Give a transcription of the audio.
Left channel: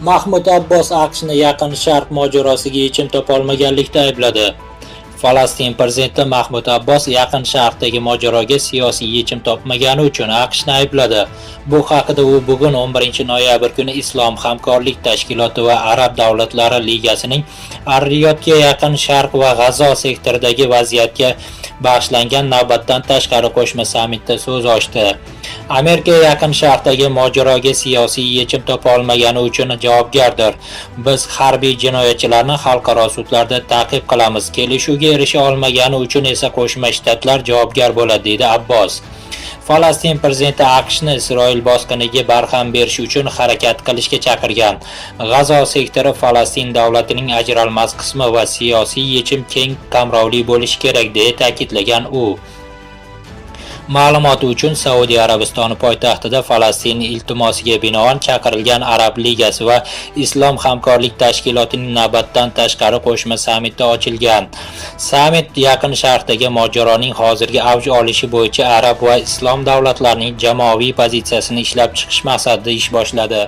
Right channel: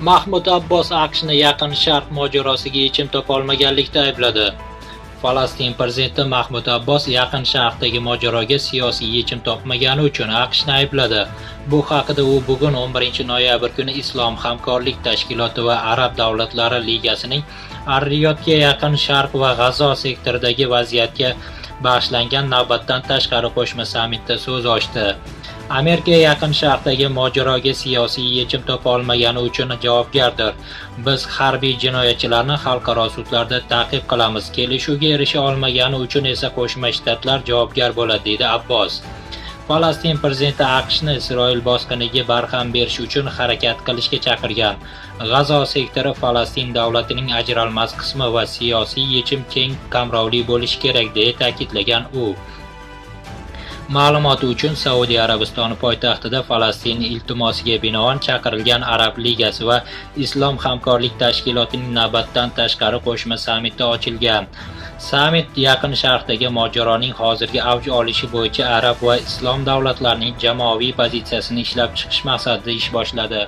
Mahmud Abbos AQShni Yaqin Sharq mojarosiga yechim topolmaganlikda aybladi. Falastin prezidenti Mahmud Abbos Yaqin Sharqdagi mojaroga siyosiy yechim topmagani uchun AQShni aybladi. Bu haqida u bugun 11-noyabr kuni Islom hamkorlik tashkiloti va Arab davlatlari ligasining Ar-Riyodga Yaqin Sharq va G'azo sektoridagi vaziyatga bag'ishlangan navbatdan tashqari qo'shma sammitda so'z ochdi. Amerika Yaqin Sharqdagi mojaroga siyosiy yechim topa olmagani uchun javobgardir. Biz harbiy jinoyatchilarni xalqaro sudlarda ta'qib qilamiz. Kelishuvga erisha olmagani uchun esa Qo'shma Shtatlar javobgar bo'ladi, dedi Abbos. Falastin prezidenti AQShni Isroil bosqiniga barham berish uchun harakat qilishga chaqirgan. G'azo sektori Falastin davlatining ajralmas qismi va siyosiy yechim keng qamrovli bo'lishi kerak, deya ta'kidlagan u. Ma'lumoti uchun Saudiya Arabistoni poytaxtida Falastin iltimosiga binoan chaqirilgan Arab ligasi va Islom hamkorlik tashkilotining navbatdan tashqari qo'shma sammiti ochilgan. Sammit Yaqin Sharqdagi mojaroning hozirgi avj olishi bo'yicha Arab va Islom davlatlarining jamoaviy pozitsiyasini ishlab chiqish maqsadida ish boshladi.